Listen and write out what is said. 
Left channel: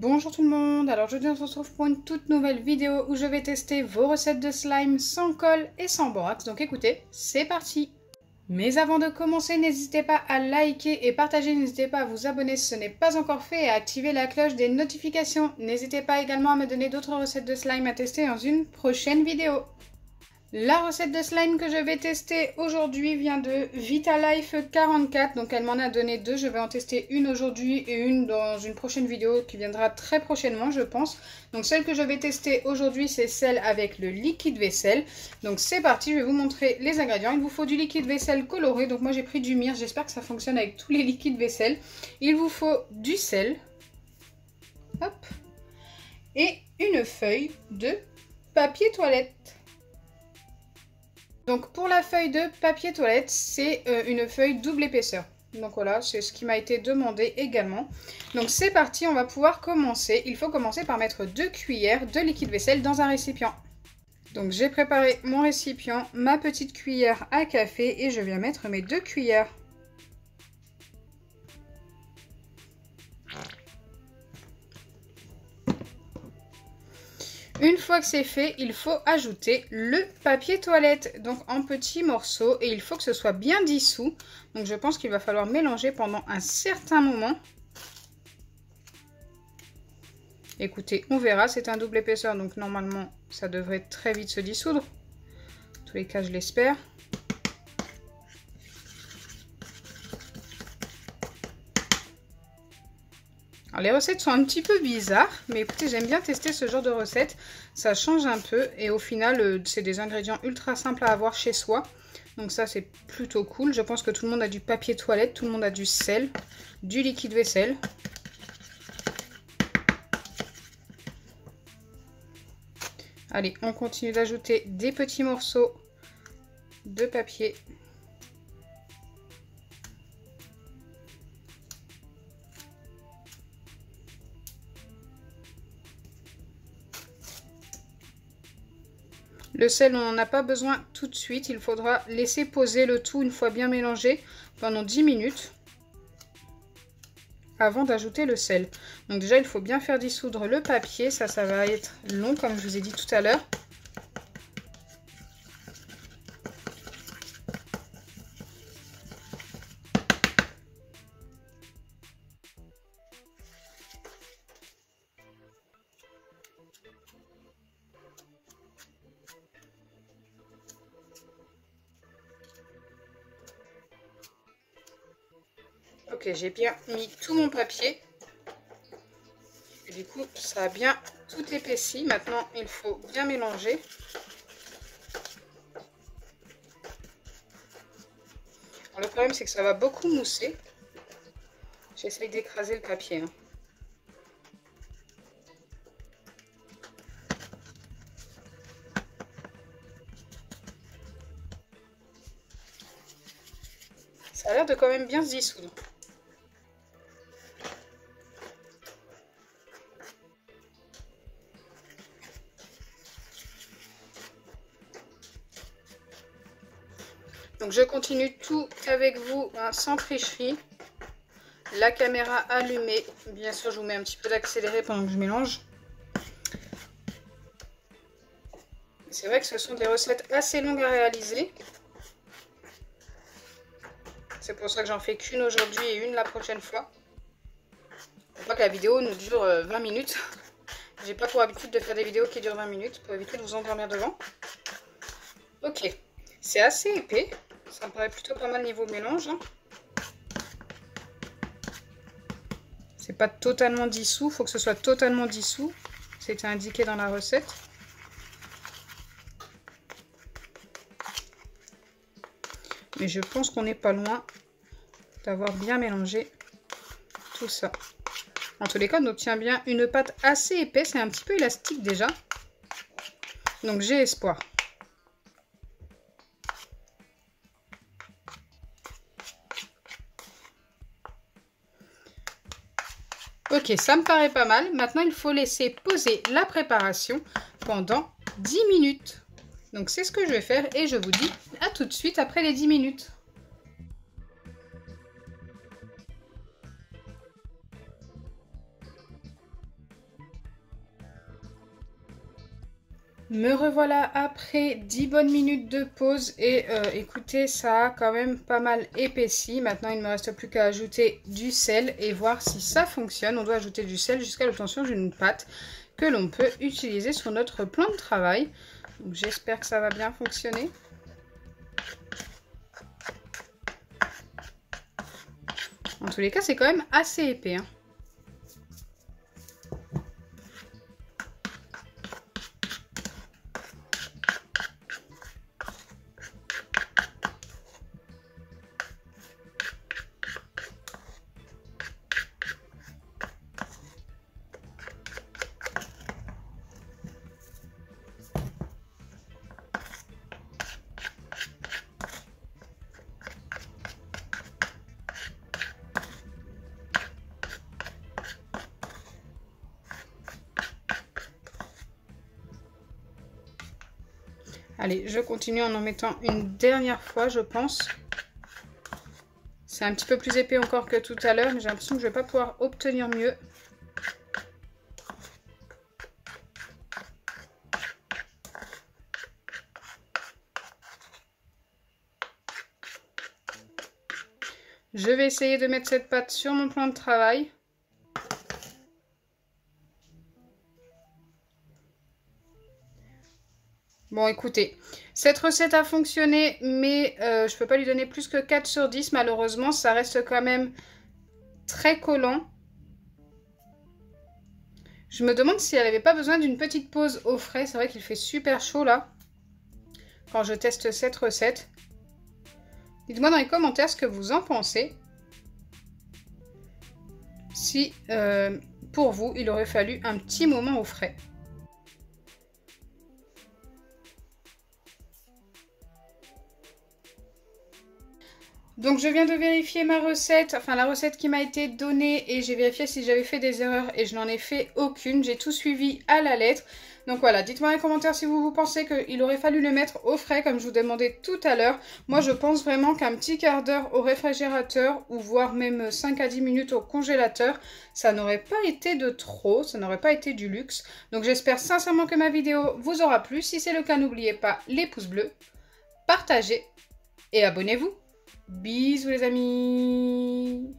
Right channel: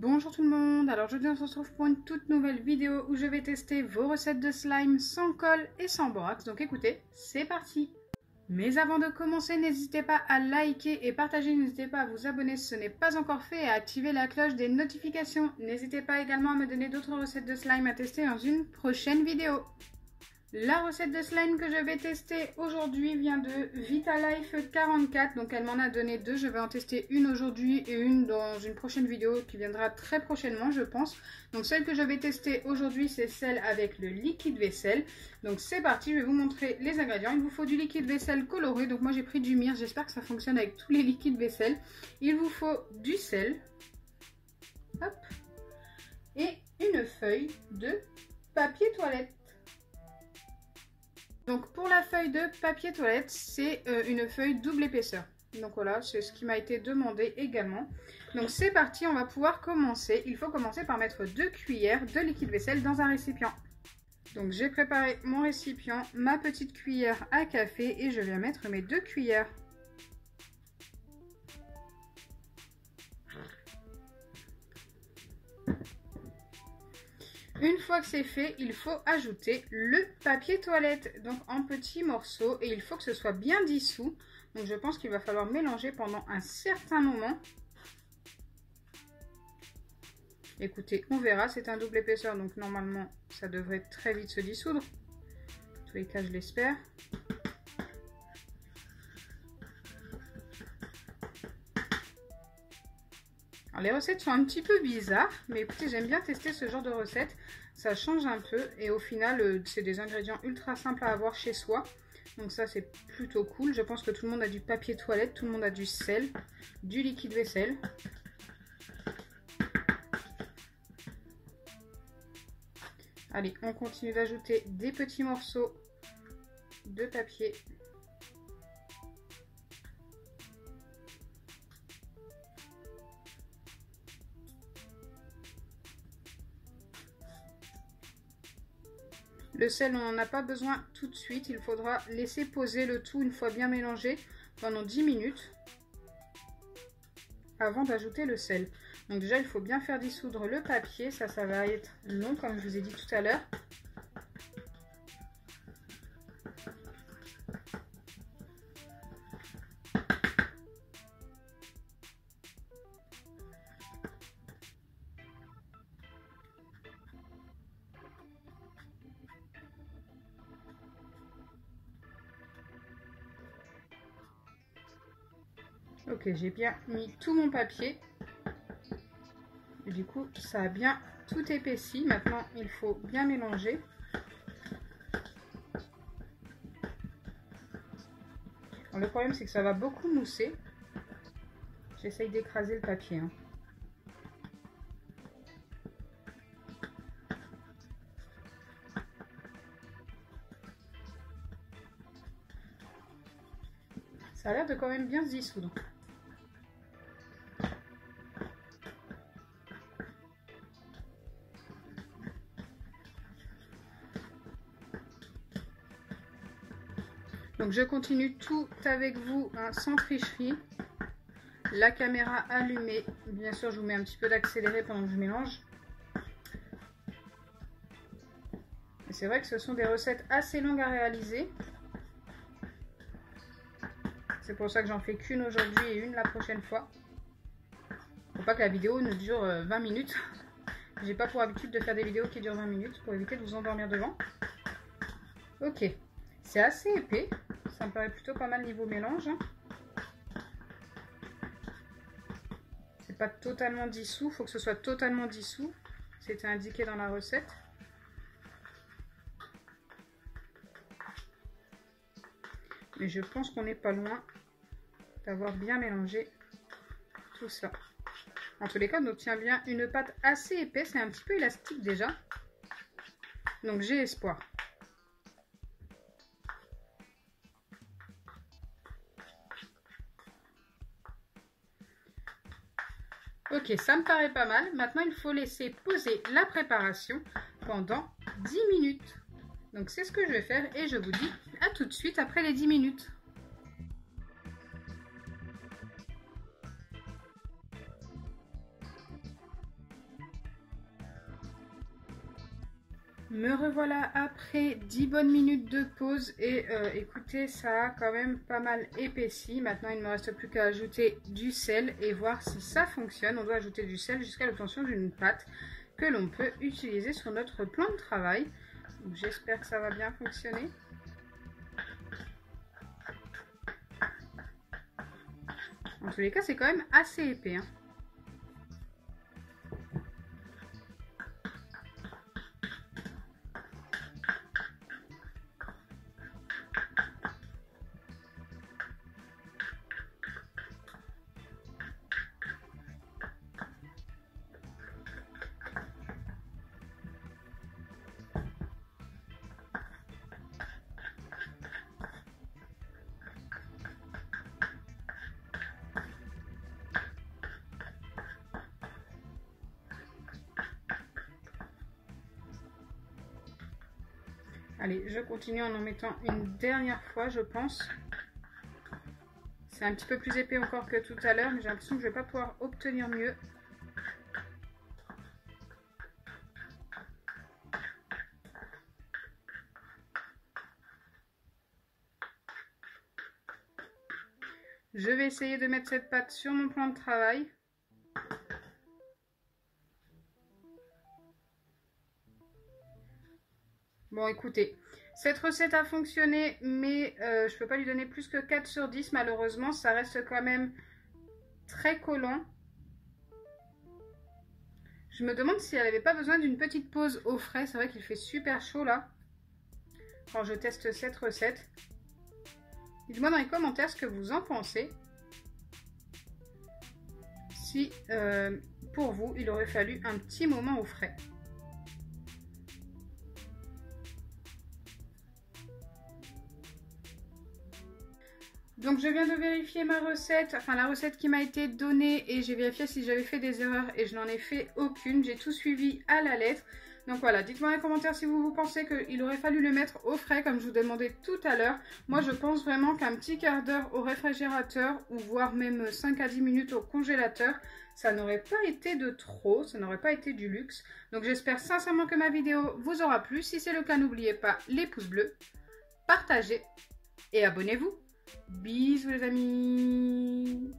Bonjour tout le monde, alors aujourd'hui on se retrouve pour une toute nouvelle vidéo où je vais tester vos recettes de slime sans colle et sans borax, donc écoutez, c'est parti. Mais avant de commencer, n'hésitez pas à liker et partager, n'hésitez pas à vous abonner si ce n'est pas encore fait et à activer la cloche des notifications. N'hésitez pas également à me donner d'autres recettes de slime à tester dans une prochaine vidéo. La recette de slime que je vais tester aujourd'hui vient de Vitalife 44, donc elle m'en a donné deux, je vais en tester une aujourd'hui et une dans une prochaine vidéo qui viendra très prochainement je pense. Donc celle que je vais tester aujourd'hui c'est celle avec le liquide vaisselle. Donc c'est parti, je vais vous montrer les ingrédients. Il vous faut du liquide vaisselle coloré, donc moi j'ai pris du myrrhe, j'espère que ça fonctionne avec tous les liquides vaisselle. Il vous faut du sel, hop, et une feuille de papier toilette. Donc pour la feuille de papier toilette, c'est une feuille double épaisseur. Donc voilà, c'est ce qui m'a été demandé également. Donc c'est parti, on va pouvoir commencer. Il faut commencer par mettre 2 cuillères de liquide vaisselle dans un récipient. Donc j'ai préparé mon récipient, ma petite cuillère à café et je viens mettre mes 2 cuillères. Une fois que c'est fait, il faut ajouter le papier toilette, donc en petits morceaux, et il faut que ce soit bien dissous. Donc je pense qu'il va falloir mélanger pendant un certain moment. Écoutez, on verra, c'est un double épaisseur, donc normalement ça devrait très vite se dissoudre. En tous les cas, je l'espère. Alors, les recettes sont un petit peu bizarres, mais écoutez, j'aime bien tester ce genre de recettes. Ça change un peu et au final, c'est des ingrédients ultra simples à avoir chez soi. Donc ça, c'est plutôt cool. Je pense que tout le monde a du papier toilette, tout le monde a du sel, du liquide vaisselle. Allez, on continue d'ajouter des petits morceaux de papier. Le sel, on n'en a pas besoin tout de suite. Il faudra laisser poser le tout une fois bien mélangé pendant 10 minutes avant d'ajouter le sel. Donc déjà, il faut bien faire dissoudre le papier. Ça va être long comme je vous ai dit tout à l'heure. Ok, j'ai bien mis tout mon papier. Et du coup, ça a bien tout épaissi. Maintenant, il faut bien mélanger. Alors, le problème, c'est que ça va beaucoup mousser. J'essaye d'écraser le papier. Ça a l'air de quand même bien se dissoudre. Donc je continue tout avec vous, hein, sans tricherie. La caméra allumée. Bien sûr, je vous mets un petit peu d'accéléré pendant que je mélange. C'est vrai que ce sont des recettes assez longues à réaliser. C'est pour ça que j'en fais qu'une aujourd'hui et une la prochaine fois. Faut pas que la vidéo ne dure 20 minutes. J'ai pas pour habitude de faire des vidéos qui durent 20 minutes pour éviter de vous endormir devant. Ok, c'est assez épais. Ça me paraît plutôt pas mal niveau mélange. Hein. C'est pas totalement dissous, faut que ce soit totalement dissous. C'était indiqué dans la recette. Mais je pense qu'on n'est pas loin d'avoir bien mélangé tout ça. En tous les cas, on obtient bien une pâte assez épaisse et un petit peu élastique déjà. Donc j'ai espoir. Ok, ça me paraît pas mal. Maintenant, il faut laisser poser la préparation pendant 10 minutes. Donc c'est ce que je vais faire et je vous dis à tout de suite après les 10 minutes. Me revoilà après 10 bonnes minutes de pause et écoutez, ça a quand même pas mal épaissi. Maintenant, il ne me reste plus qu'à ajouter du sel et voir si ça fonctionne. On doit ajouter du sel jusqu'à l'obtention d'une pâte que l'on peut utiliser sur notre plan de travail. J'espère que ça va bien fonctionner. En tous les cas, c'est quand même assez épais, hein. Allez, je continue en mettant une dernière fois, je pense. C'est un petit peu plus épais encore que tout à l'heure, mais j'ai l'impression que je ne vais pas pouvoir obtenir mieux. Je vais essayer de mettre cette pâte sur mon plan de travail. Bon, écoutez, cette recette a fonctionné, mais je ne peux pas lui donner plus que 4 sur 10, malheureusement. Ça reste quand même très collant. Je me demande si elle n'avait pas besoin d'une petite pause au frais. C'est vrai qu'il fait super chaud là, quand je teste cette recette. Dites-moi dans les commentaires ce que vous en pensez. Si, pour vous, il aurait fallu un petit moment au frais. Donc je viens de vérifier ma recette, enfin la recette qui m'a été donnée, et j'ai vérifié si j'avais fait des erreurs et je n'en ai fait aucune. J'ai tout suivi à la lettre. Donc voilà, dites-moi dans les commentaires si vous pensez qu'il aurait fallu le mettre au frais comme je vous demandais tout à l'heure. Moi je pense vraiment qu'un petit quart d'heure au réfrigérateur ou voire même 5 à 10 minutes au congélateur, ça n'aurait pas été de trop, ça n'aurait pas été du luxe. Donc j'espère sincèrement que ma vidéo vous aura plu. Si c'est le cas, n'oubliez pas les pouces bleus, partagez et abonnez-vous. Bisous les amis!